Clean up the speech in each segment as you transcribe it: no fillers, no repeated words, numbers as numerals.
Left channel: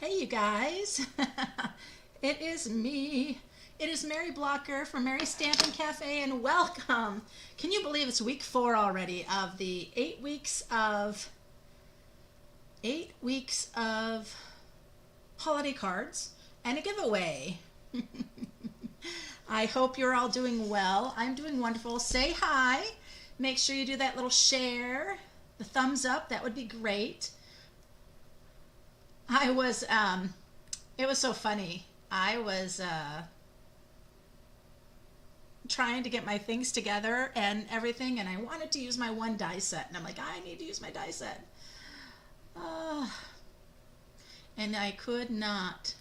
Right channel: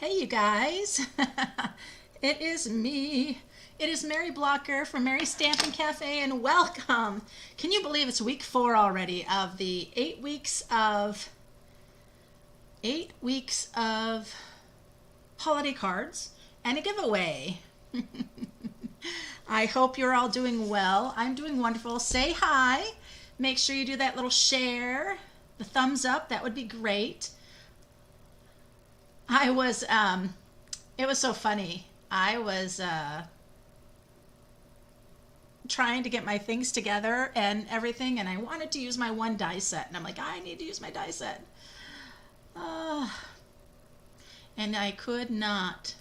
Hey, you guys. It is me. It is Mary Blocker from Mary Stampin' Cafe, and welcome. Can you believe it's week 4 already of the 8 weeks of holiday cards and a giveaway? I hope you're all doing well. I'm doing wonderful. Say hi. Make sure you do that little share, the thumbs up. That would be great. I was it was so funny. I was trying to get my things together and everything, and I wanted to use my one die set, and I'm like, I need to use my die set. Uh, and I could not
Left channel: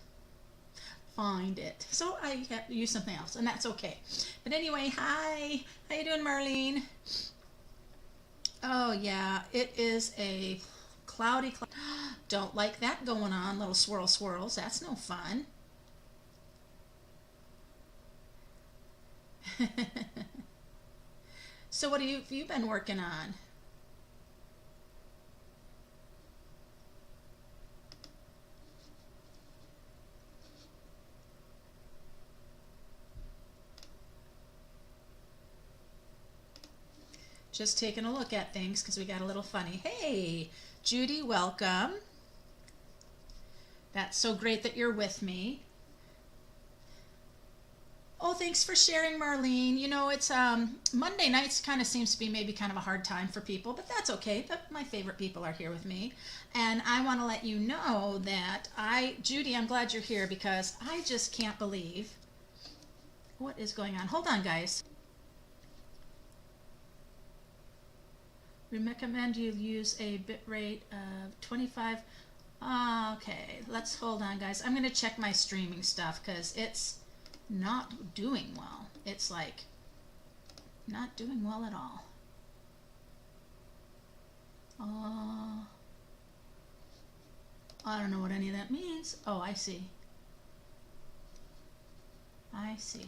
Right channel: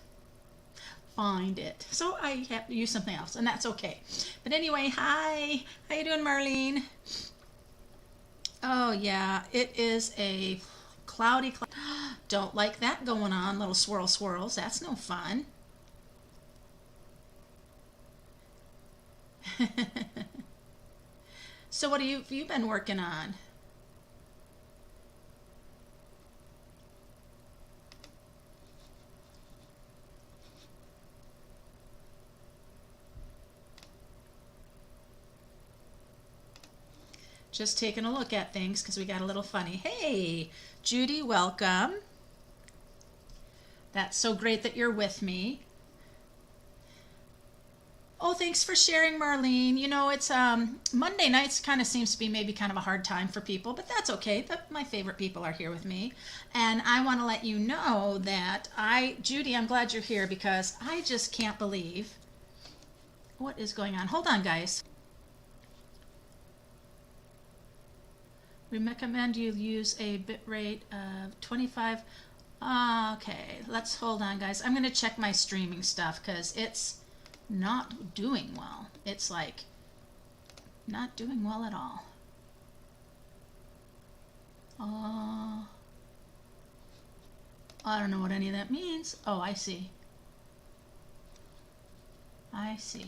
find it. So I have to use something else, and that's okay. But anyway, hi. How you doing, Marlene? Oh yeah, it is a cloudy. Don't like that going on. Little swirls. That's no fun. So what have you been working on? Just taking a look at things because we got a little funny. Hey, Judy, welcome. That's so great that you're with me. Oh, thanks for sharing, Marlene. You know, it's Monday nights kind of seems to be maybe kind of a hard time for people, but that's okay. But my favorite people are here with me. And I want to let you know that Judy, I'm glad you're here because I just can't believe what is going on. Hold on, guys. We recommend you use a bit rate of 25. Okay, let's hold on, guys. I'm going to check my streaming stuff because it's not doing well. It's like not doing well at all. I don't know what any of that means. Oh, I see. I see.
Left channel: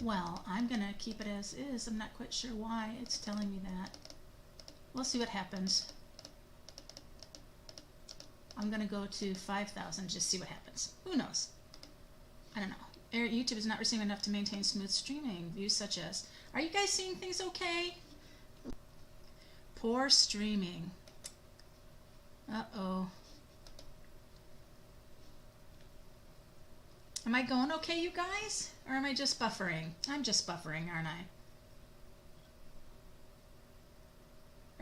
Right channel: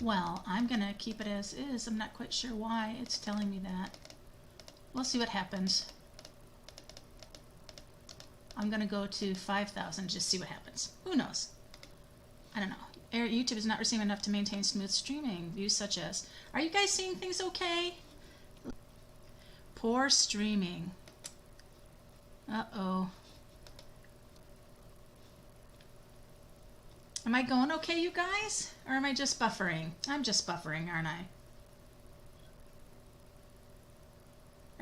Well, I'm going to keep it as is. I'm not quite sure why it's telling me that. We'll see what happens. I'm going to go to 5,000, just see what happens. Who knows? I don't know. YouTube is not receiving enough to maintain smooth streaming. Views such as, are you guys seeing things okay? Poor streaming. Uh-oh. Am I going okay, you guys? Or am I just buffering? I'm just buffering, aren't I?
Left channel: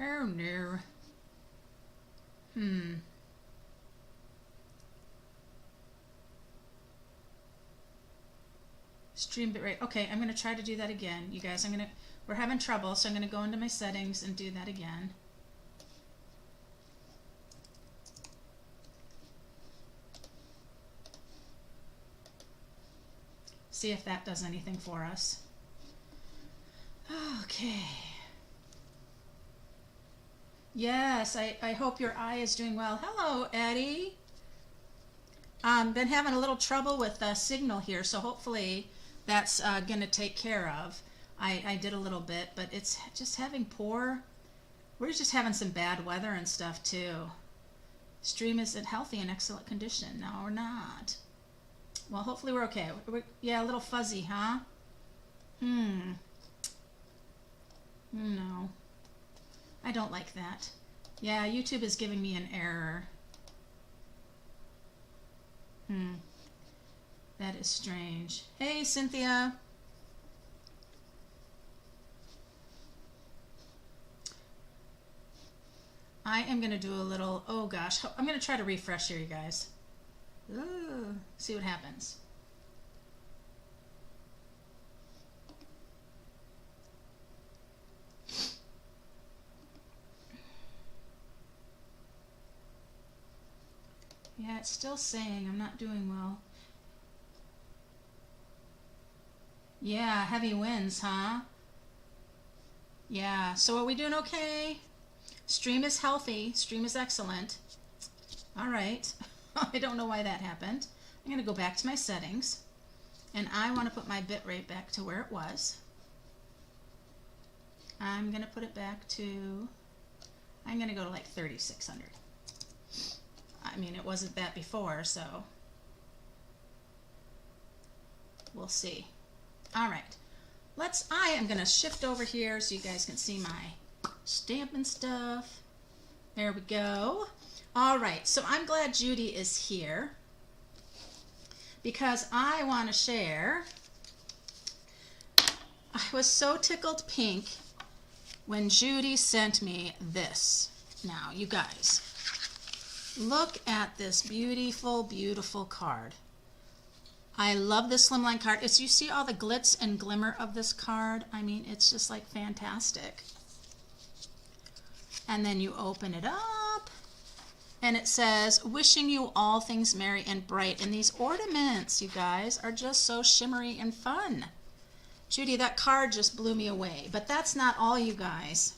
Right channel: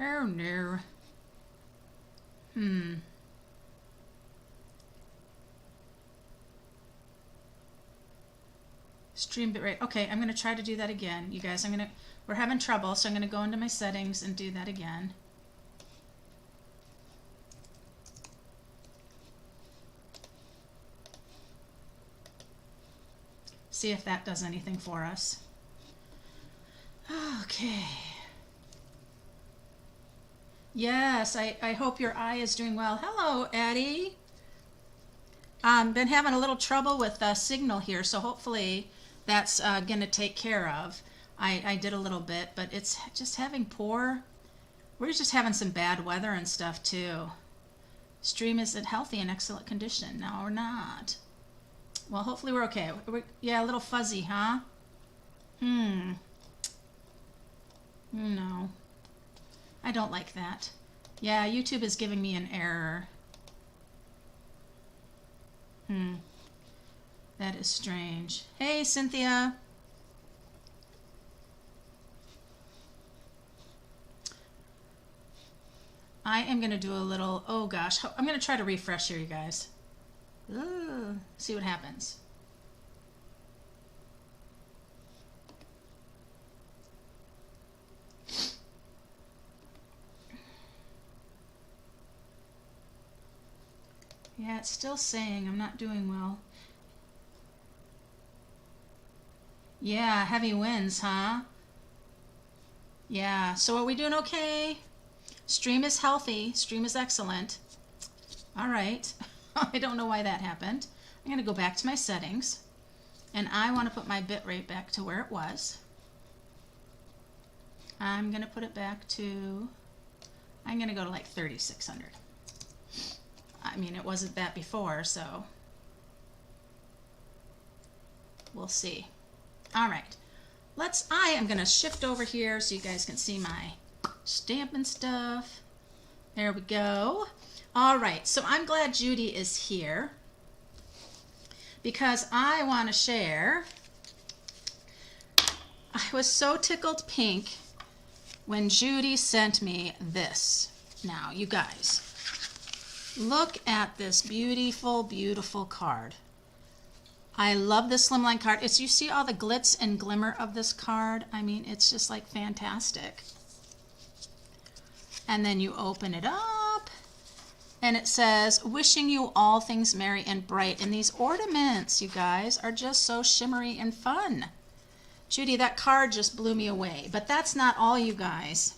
Oh, no. Stream bitrate. Okay, I'm going to try to do that again, you guys. We're having trouble, so I'm going to go into my settings and do that again. See if that does anything for us. Okay. Yes, I hope your eye is doing well. Hello, Eddie. Been having a little trouble with signal here, so hopefully that's going to take care of. I did a little bit, but it's just having we're just having some bad weather and stuff too. Stream is in healthy and excellent condition. No, we're not. Well, hopefully we're okay. Yeah, a little fuzzy, huh? No. I don't like that. Yeah, YouTube is giving me an error. That is strange. Hey, Cynthia. I am going to do a little, oh gosh, I'm going to try to refresh here, you guys. Ooh, see what happens. Yeah, it's still saying I'm not doing well. Yeah, heavy winds, huh? Yeah, so are we doing okay? Stream is healthy. Stream is excellent. All right. I don't know why that happened. I'm going to go back to my settings, and I want to put my bitrate back to where it was. I'm going to put it back to, I'm gonna go to like 3,600. I mean, it wasn't that before, so we'll see. All right, I am gonna shift over here so you guys can see my stamping stuff. There we go. All right, so I'm glad Judy is here because I want to share. I was so tickled pink when Judy sent me this. Now, you guys, look at this beautiful, beautiful card. I love this slimline card. You see all the glitz and glimmer of this card? I mean, it's just like fantastic. And then you open it up and it says, wishing you all things merry and bright. And these ornaments, you guys, are just so shimmery and fun. Judy, that card just blew me away. But that's not all, you guys.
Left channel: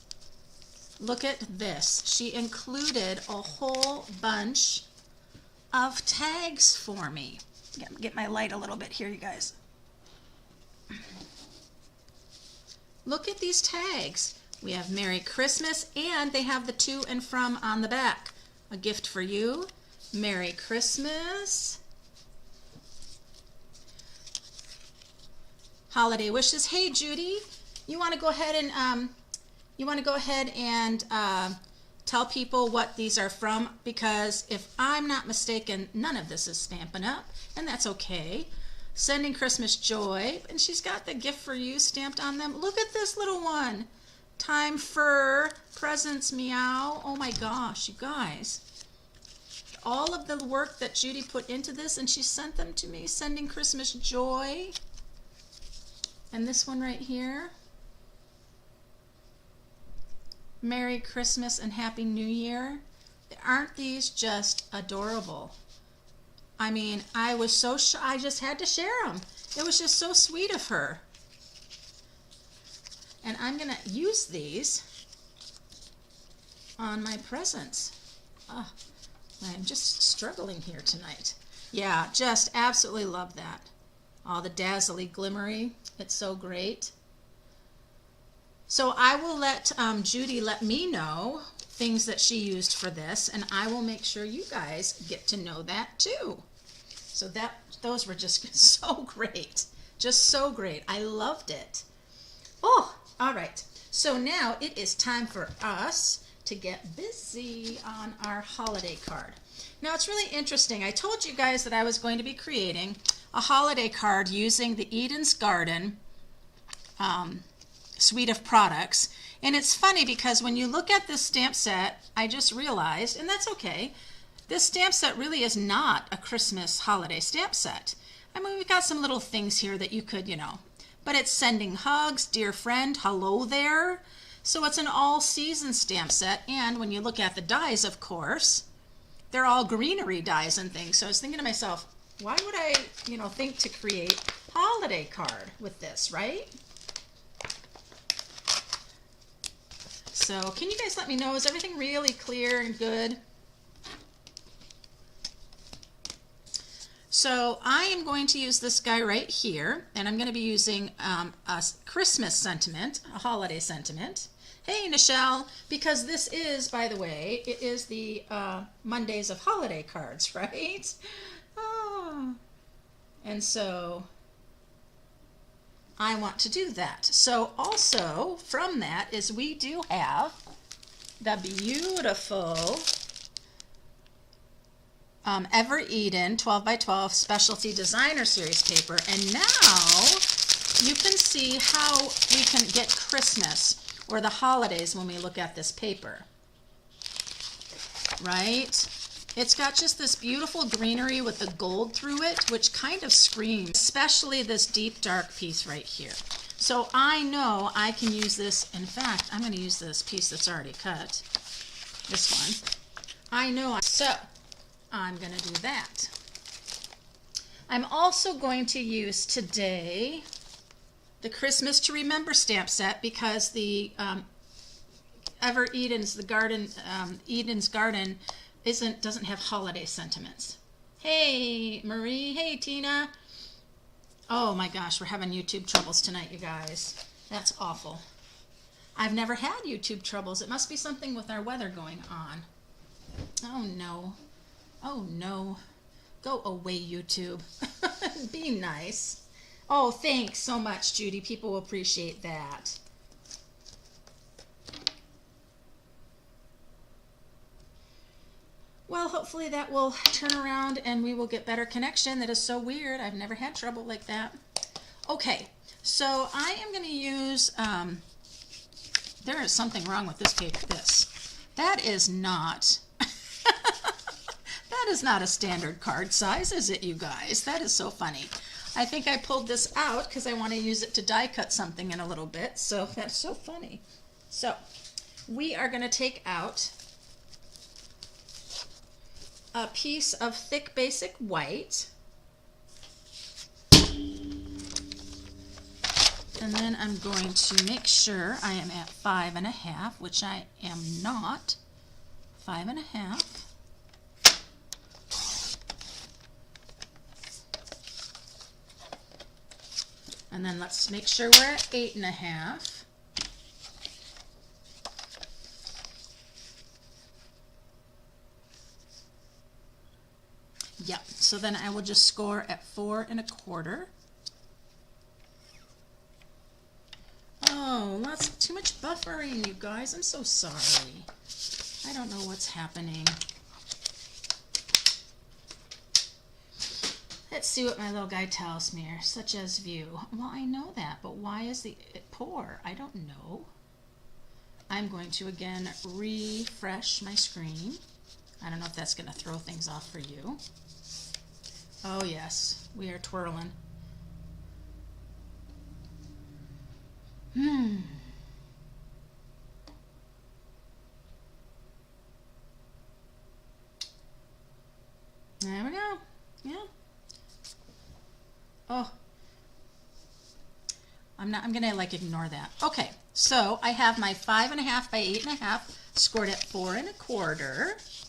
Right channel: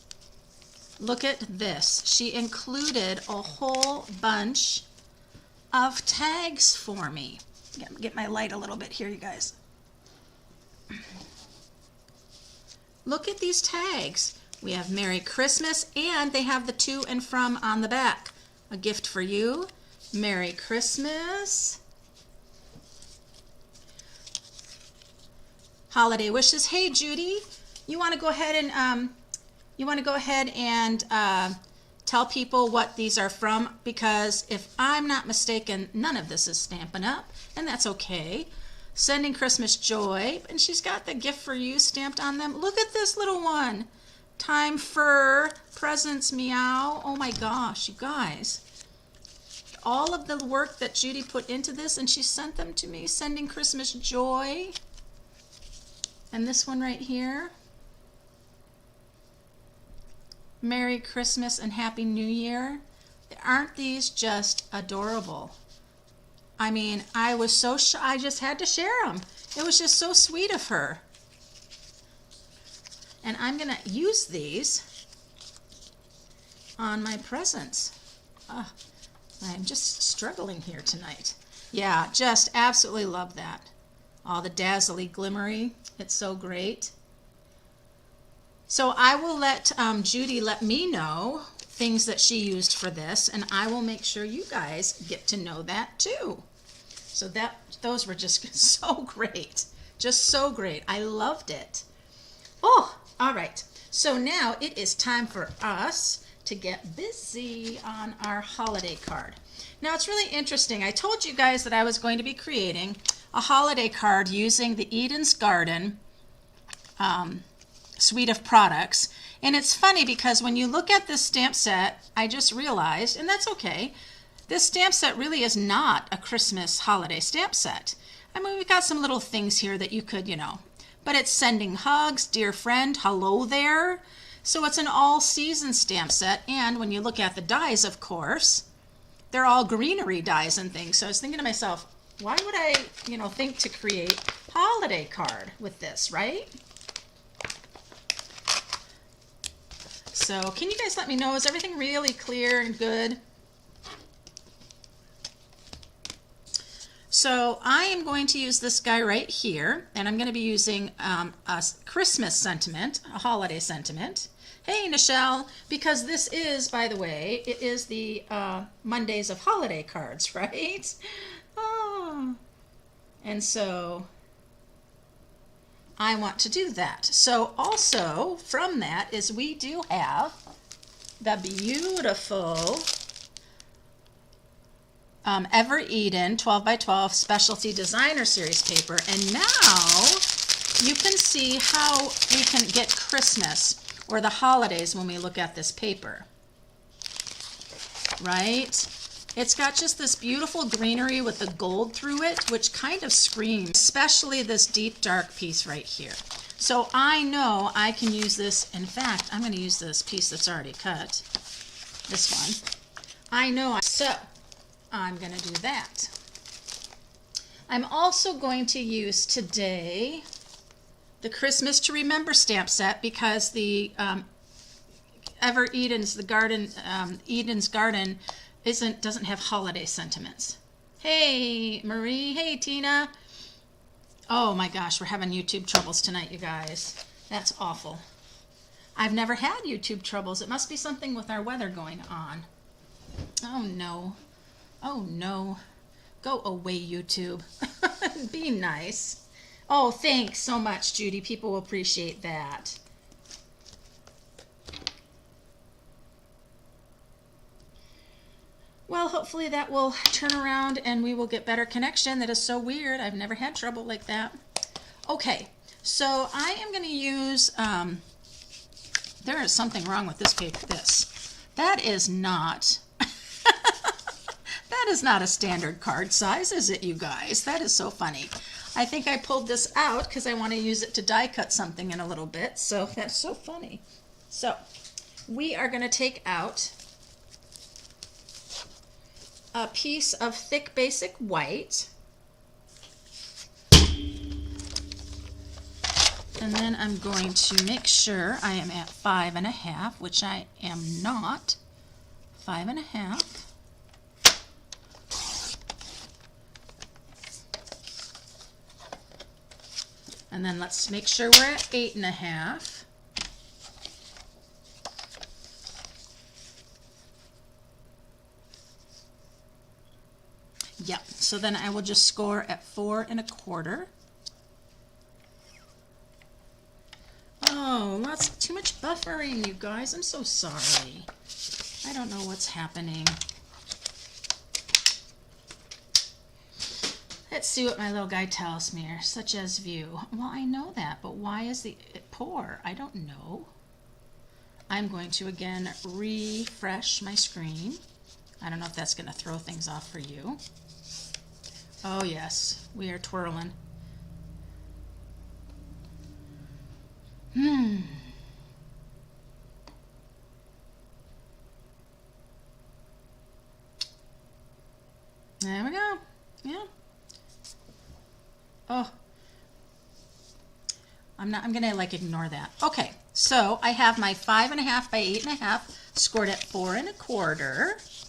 Look at this. She included a whole bunch of tags for me. Get my light a little bit here, you guys. Look at these tags. We have Merry Christmas, and they have the to and from on the back. A gift for you. Merry Christmas. Holiday wishes. Hey, Judy, you want to go ahead and tell people what these are from? Because if I'm not mistaken, none of this is Stampin' Up, and that's okay. Sending Christmas joy, and she's got the gift for you stamped on them. Look at this little one. Time for presents, meow. Oh my gosh, you guys. All of the work that Judy put into this, and she sent them to me. Sending Christmas joy. And this one right here. Merry Christmas and Happy New Year. Aren't these just adorable? I mean, I was so I just had to share them. It was just so sweet of her. And I'm going to use these on my presents. I'm just struggling here tonight. Yeah, just absolutely love that. All the dazzly glimmery. It's so great. So I will let Judy let me know things that she used for this, and I will make sure you guys get to know that too. So those were just so great. Just so great. I loved it. Oh, all right. So now it is time for us to get busy on our holiday card. Now it's really interesting. I told you guys that I was going to be creating a holiday card using the Eden's Garden suite of products. And it's funny because when you look at this stamp set, I just realized, and that's okay, this stamp set really is not a Christmas holiday stamp set. I mean, we've got some little things here that you could, but it's sending hugs, dear friend, hello there. So it's an all-season stamp set. And when you look at the dies, of course, they're all greenery dies and things. So I was thinking to myself, why would I, think to create holiday card with this, right? So can you guys let me know, is everything really clear and good? So I am going to use this guy right here, and I'm going to be using a Christmas sentiment, a holiday sentiment. Hey, Nichelle, because this is, by the way, it is the Mondays of holiday cards, right? Oh. And so I want to do that. So also from that is we do have the beautiful Ever Eden 12 by 12 Specialty Designer Series paper. And now you can see how we can get Christmas or the holidays when we look at this paper, right? It's got just this beautiful greenery with the gold through it, which kind of screams, especially this deep dark piece right here. So I know I can use this. In fact, I'm going to use this piece that's already cut, this one. I know. So I'm going to do that. I'm also going to use today the Christmas to Remember stamp set because the Ever Eden's Eden's Garden doesn't have holiday sentiments. Hey Marie, hey Tina. Oh my gosh, we're having YouTube troubles tonight, you guys. That's awful. I've never had YouTube troubles. It must be something with our weather going on. Oh no. Oh no. Go away, YouTube. Be nice. Oh, thanks so much, Judy. People will appreciate that. Well, hopefully that will turn around and we will get better connection. That is so weird. I've never had trouble like that. Okay, so I am going to use, there is something wrong with this paper. That is not, that is not a standard card size, is it, you guys? That is so funny. I think I pulled this out because I want to use it to die cut something in a little bit. So that's so funny. So we are going to take out a piece of thick basic white, and then I'm going to make sure I am at 5.5, which I am not. 5.5. And then let's make sure we're at 8.5. Yep, so then I will just score at 4.25. Oh, that's too much buffering, you guys. I'm so sorry. I don't know what's happening. Let's see what my little guy tells me here, such as view. Well, I know that, but why is it poor? I don't know. I'm going to, again, refresh my screen. I don't know if that's going to throw things off for you. Oh yes, we are twirling. There we go. Yeah. Oh. I'm gonna like ignore that. Okay, so I have my 5.5 by 8.5 scored at 4.25.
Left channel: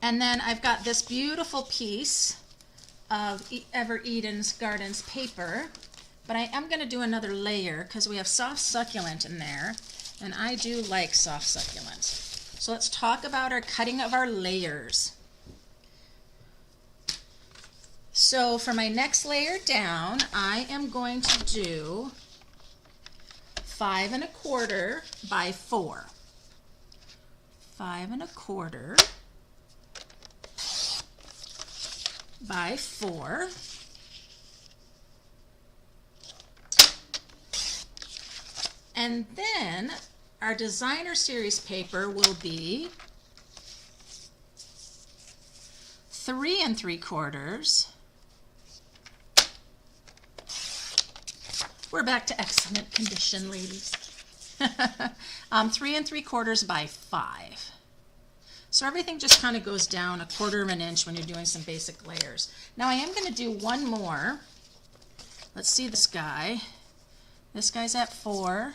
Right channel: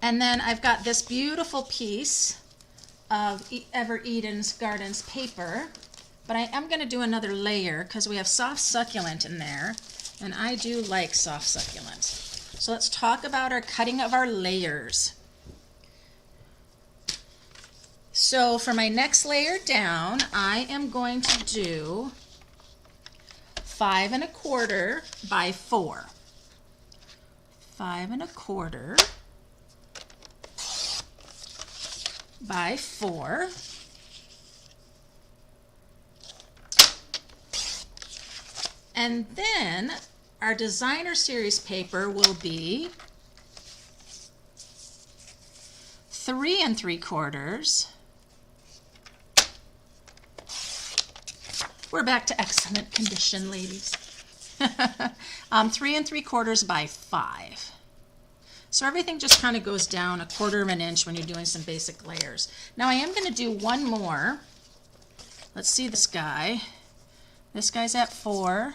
And then I've got this beautiful piece of Ever Eden's Gardens paper, but I am going to do another layer because we have soft succulent in there, and I do like soft succulent. So let's talk about our cutting of our layers. So for my next layer down, I am going to do 5.25 by 4. 5.25 by 4. And then our designer series paper will be 3.75. We're back to excellent condition, ladies. 3.75 by 5. So everything just kind of goes down 1/4 of an inch when you're doing some basic layers. Now I am going to do one more. Let's see this guy. This guy's at 4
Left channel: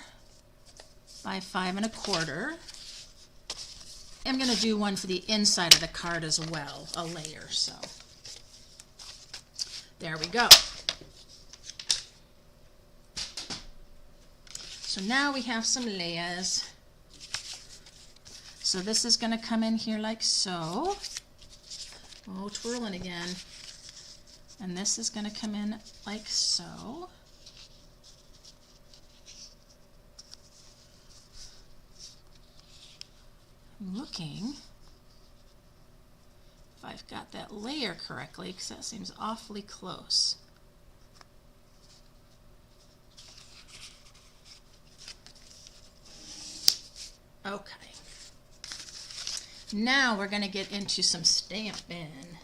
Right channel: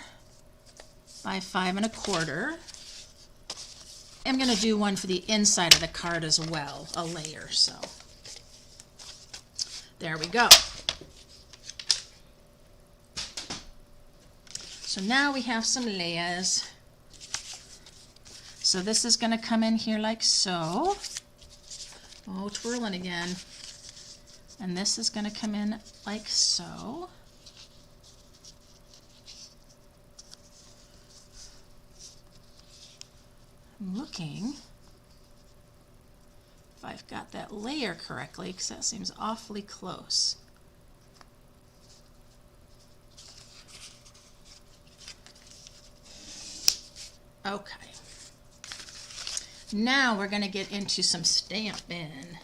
by 5.25. I'm going to do one for the inside of the card as well, a layer. So there we go. So now we have some layers. So this is going to come in here like so. Oh, twirling again. And this is going to come in like so. I'm looking if I've got that layer correctly, because that seems awfully close. Okay. Now we're going to get into some stamping.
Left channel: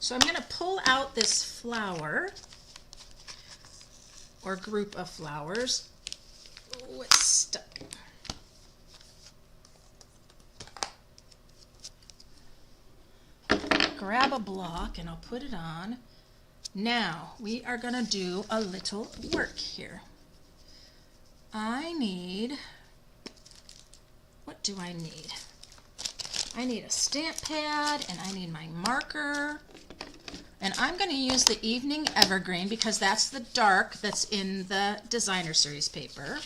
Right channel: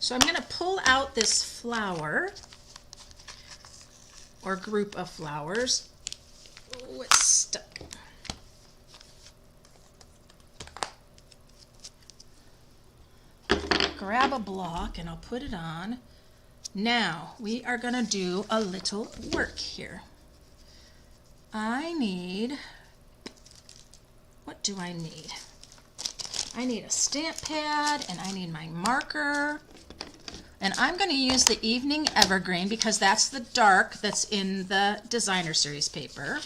So I'm going to pull out this flower or group of flowers. Oh, it's stuck. Grab a block and I'll put it on. Now we are going to do a little work here. I need, what do I need? I need a stamp pad and I need my marker. And I'm going to use the Evening Evergreen because that's the dark that's in the Designer Series paper.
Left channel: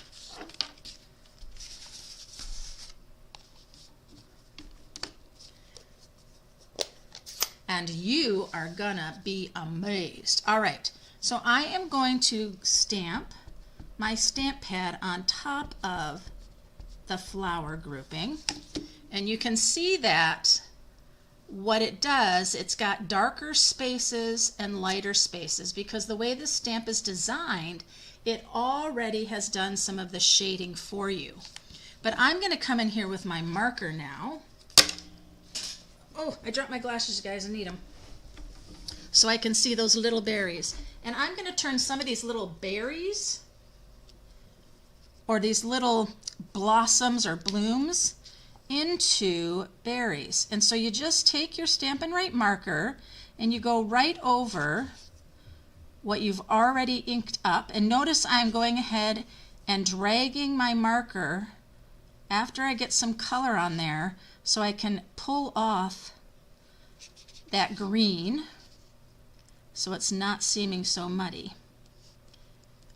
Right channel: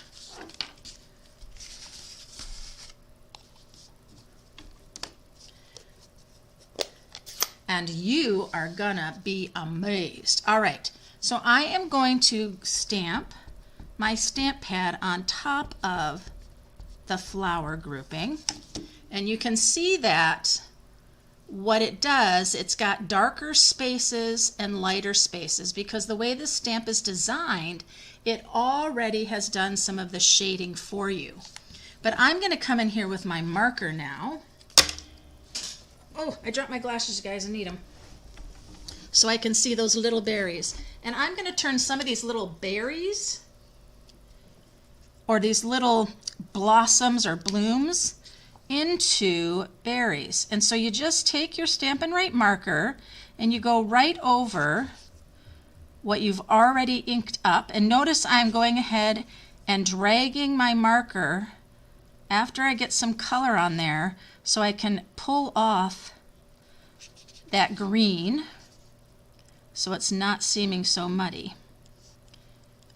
And you are gonna be amazed. All right, so I am going to stamp my stamp pad on top of the flower grouping. And you can see that what it does, it's got darker spaces and lighter spaces because the way this stamp is designed, it already has done some of the shading for you. But I'm gonna come in here with my marker now. Oh, I dropped my glasses, guys. I need them. So I can see those little berries. And I'm going to turn some of these little berries or these little blossoms or blooms into berries. And so you just take your Stampin' Right marker and you go right over what you've already inked up. And notice I'm going ahead and dragging my marker after I get some color on there, so I can pull off that green so it's not seeming so muddy.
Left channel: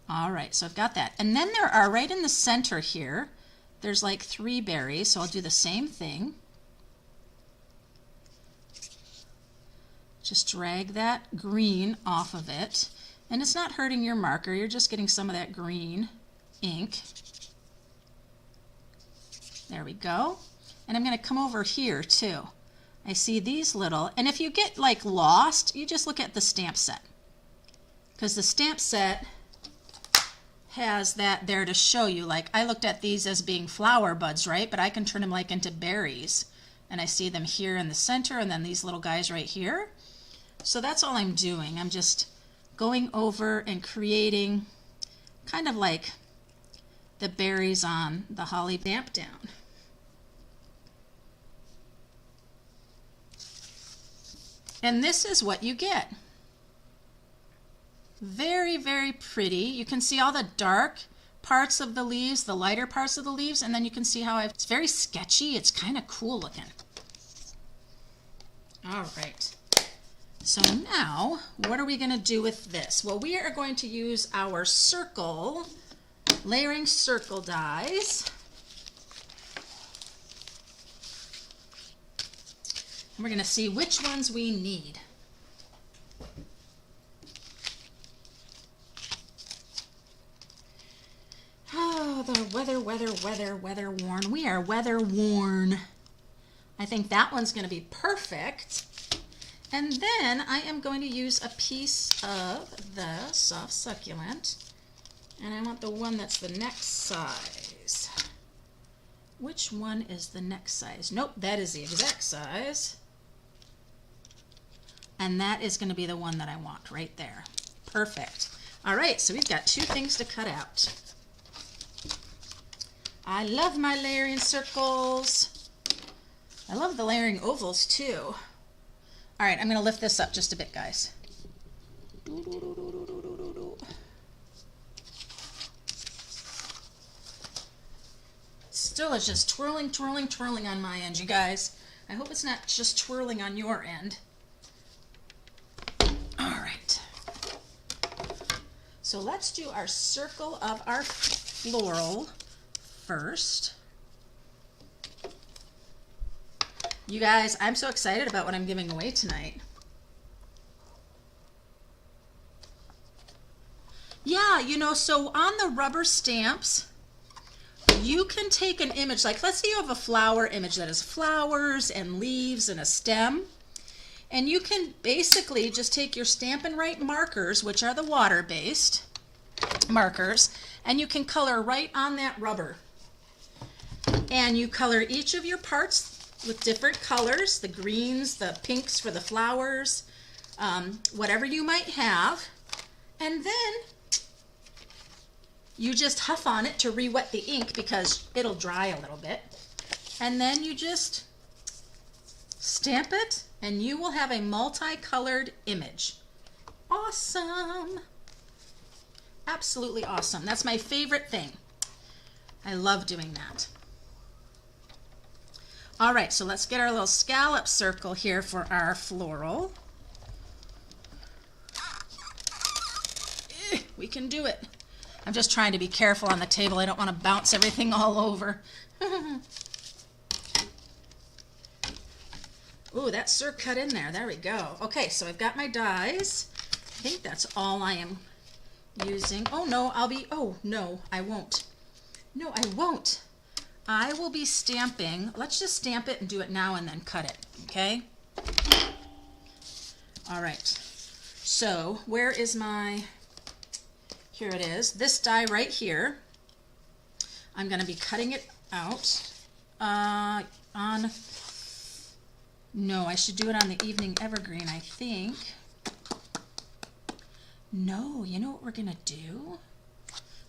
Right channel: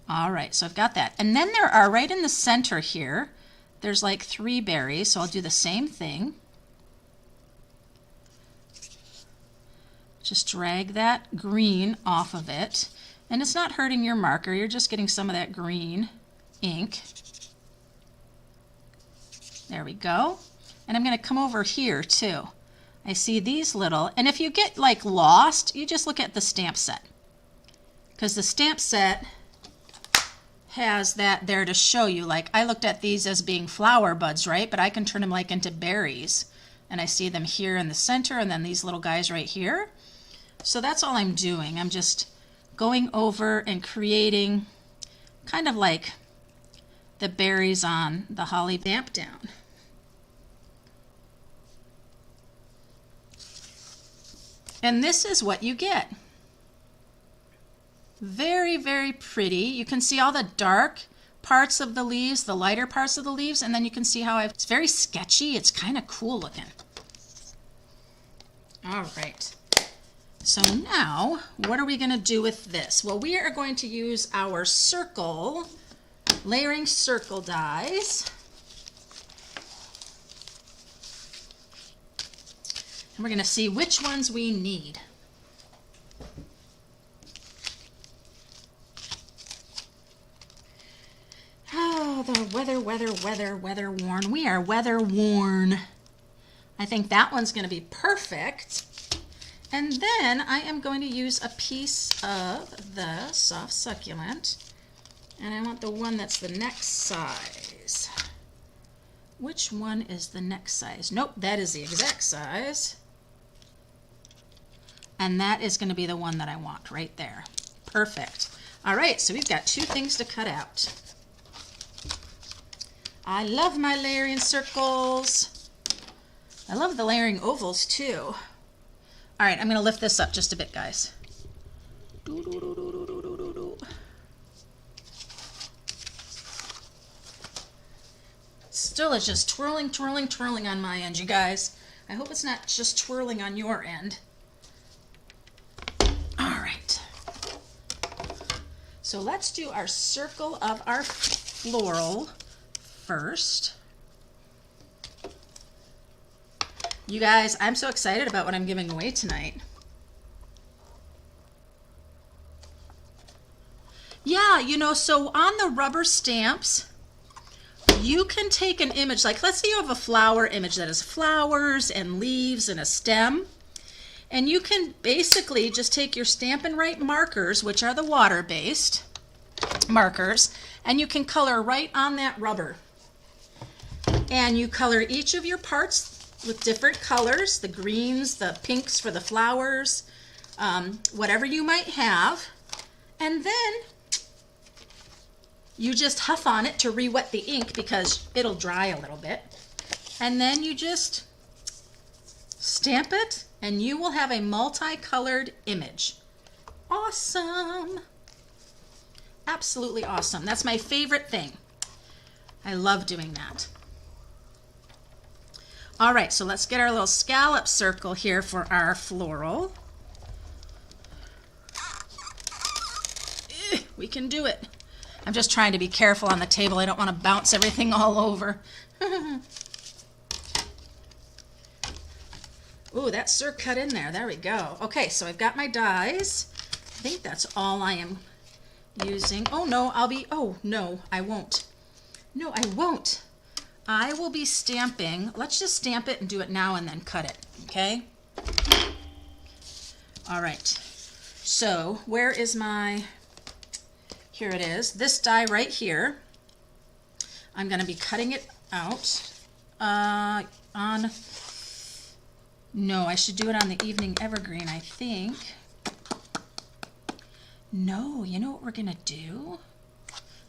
All right, so I've got that. And then there are right in the center here, there's like 3 berries, so I'll do the same thing. Just drag that green off of it. And it's not hurting your marker, you're just getting some of that green ink. There we go. And I'm going to come over here too. I see these little, and if you get like lost, you just look at the stamp set. Because the stamp set has that there to show you. Like I looked at these as being flower buds, right? But I can turn them like into berries. And I see them here in the center and then these little guys right here. So that's all I'm doing. I'm just going over and creating kind of like the berries on the holly stamp down. And this is what you get. Very, very pretty. You can see all the dark parts of the leaves, the lighter parts of the leaves, and then you can see how it's very sketchy. It's kind of cool looking. All right. So now, what are we going to do with this? Well, we are going to use our circle, layering circle dies. And we're going to see which ones we need. Oh, the weather worn. We are weather worn. I think that one's going to be perfect. And then I am going to use a piece of the soft succulent. And I want the one that's the next size. Which one is the next size? Nope, that is the exact size. And that is going to be the one that I want right there. Perfect. All right, so we've got 2 things to cut out. I love my layering circles. I love the layering ovals too. All right, I'm going to lift this up just a bit, guys. Still is just twirling, twirling, twirling on my end, you guys. I hope it's not just twirling on your end. All right. So let's do our circle of our floral first. You guys, I'm so excited about what I'm giving away tonight. Yeah, you know, so on the rubber stamps, you can take an image, like let's say you have a flower image that has flowers and leaves and a stem. And you can basically just take your Stampin' Right markers, which are the water-based markers, and you can color right on that rubber. And you color each of your parts with different colors, the greens, the pinks for the flowers, whatever you might have. And then you just huff on it to re-wet the ink because it'll dry a little bit. And then you just stamp it and you will have a multicolored image. Awesome. Absolutely awesome. That's my favorite thing. I love doing that. All right, so let's get our little scallop circle here for our floral. We can do it. I'm just trying to be careful on the table. I don't want to bounce everything all over. Ooh, that's Sir cut in there. There we go. Okay, so I've got my dies. I think that's all I am using. Oh no, oh no, I won't. No, I won't. I will be stamping. Let's just stamp it and do it now and then cut it, okay? All right. So where is my, here it is. This die right here, I'm gonna be cutting it out on, no, I should do it on the Evening Evergreen, I think. No, you know what we're gonna do?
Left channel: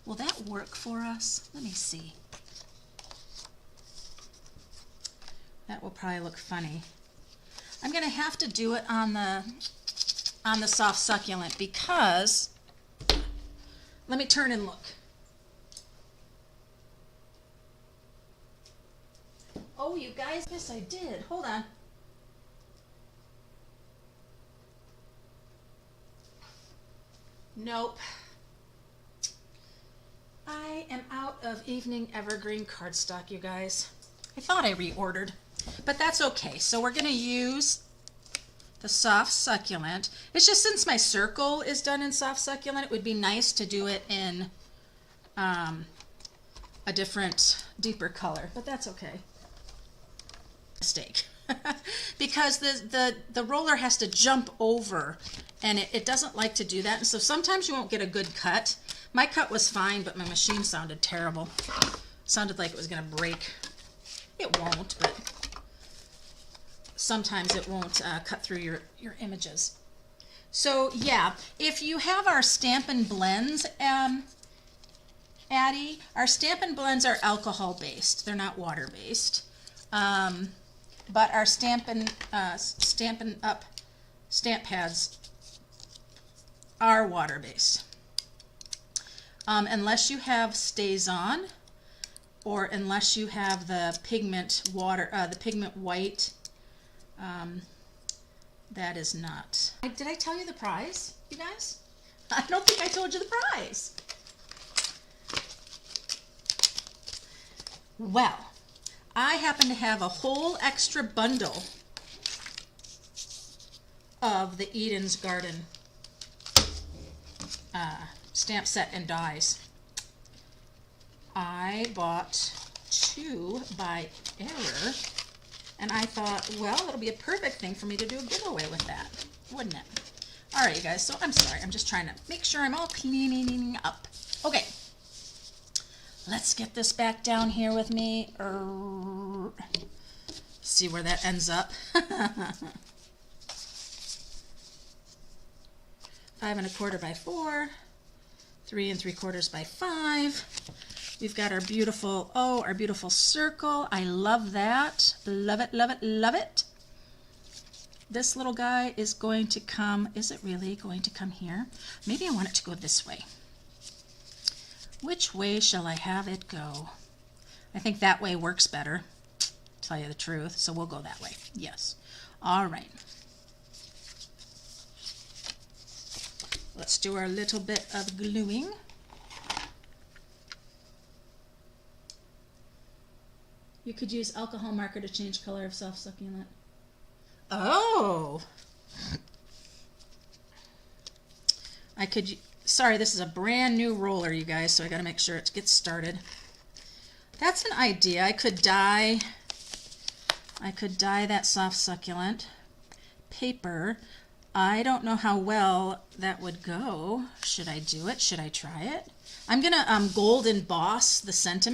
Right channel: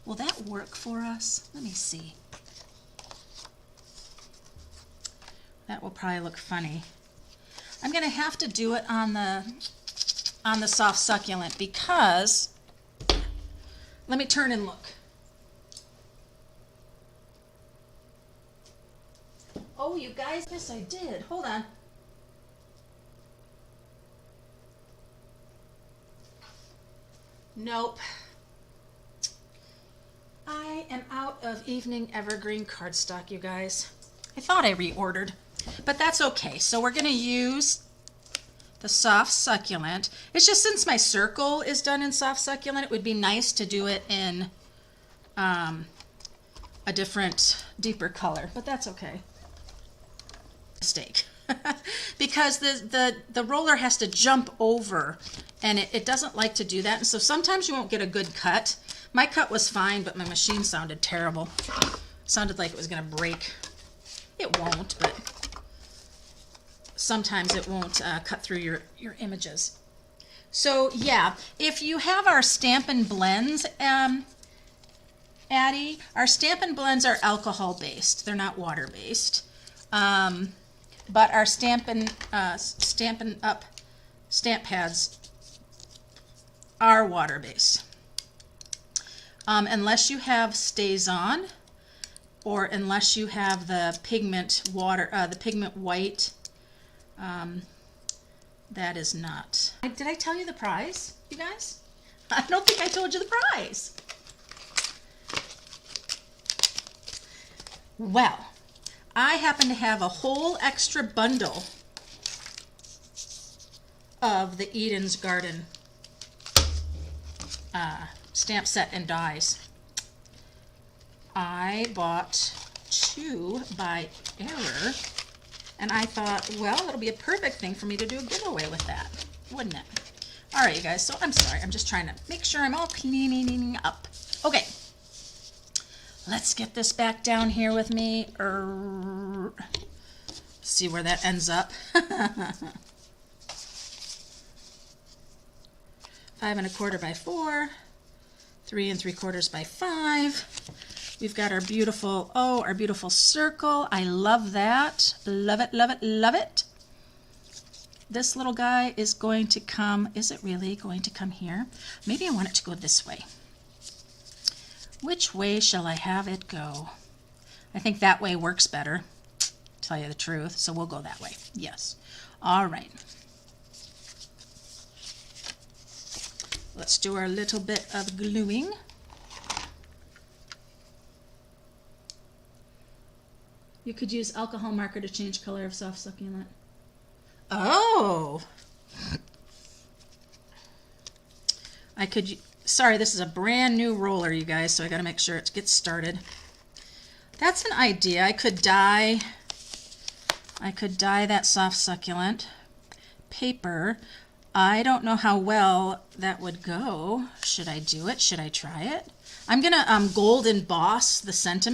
Will that work for us? Let me see. That will probably look funny. I'm gonna have to do it on the soft succulent because, let me turn and look. Oh, you guys, yes I did. Hold on. Nope. I am out of Evening Evergreen cardstock, you guys. I thought I reordered, but that's okay. So we're gonna use the soft succulent. It's just since my circle is done in soft succulent, it would be nice to do it in a different, deeper color, but that's okay. Mistake. Because the roller has to jump over and it doesn't like to do that, and so sometimes you won't get a good cut. My cut was fine, but my machine sounded terrible. Sounded like it was gonna break. It won't, but sometimes it won't cut through your images. So yeah, if you have our Stampin' Blends, Addie, our Stampin' Blends are alcohol based. They're not water based. But our Stampin' Up stamp pads are water based. Unless you have Stays On, or unless you have the pigment white, that is not. Did I tell you the prize, you guys? I don't think I told you the prize. Well, I happen to have a whole extra bundle of the Eden's Garden stamp set and dies. I bought 2 by error, and I thought, well, it'll be a perfect thing for me to do a giveaway with that, wouldn't it? All right, you guys, so I'm sorry. I'm just trying to make sure I'm all cleaning up. Okay. Let's get this back down here with me. See where that ends up. 5 1/4 by 4, 3 3/4 by 5. We've got our beautiful, our beautiful circle. I love that. Love it, love it, love it. This little guy is going to come, is it really going to come here? Maybe I want it to go this way. Which way shall I have it go? I think that way works better, to tell you the truth, so we'll go that way. Yes. All right. Let's do our little bit of gluing. You could use alcohol marker to change color of soft succulent. Oh! I could... Sorry, this is a brand new roller, you guys, so I gotta make sure it gets started. That's an idea. I could dye that soft succulent paper. I don't know how well that would go. Should I do it? Should I try it? I'm gonna gold emboss the sentiment.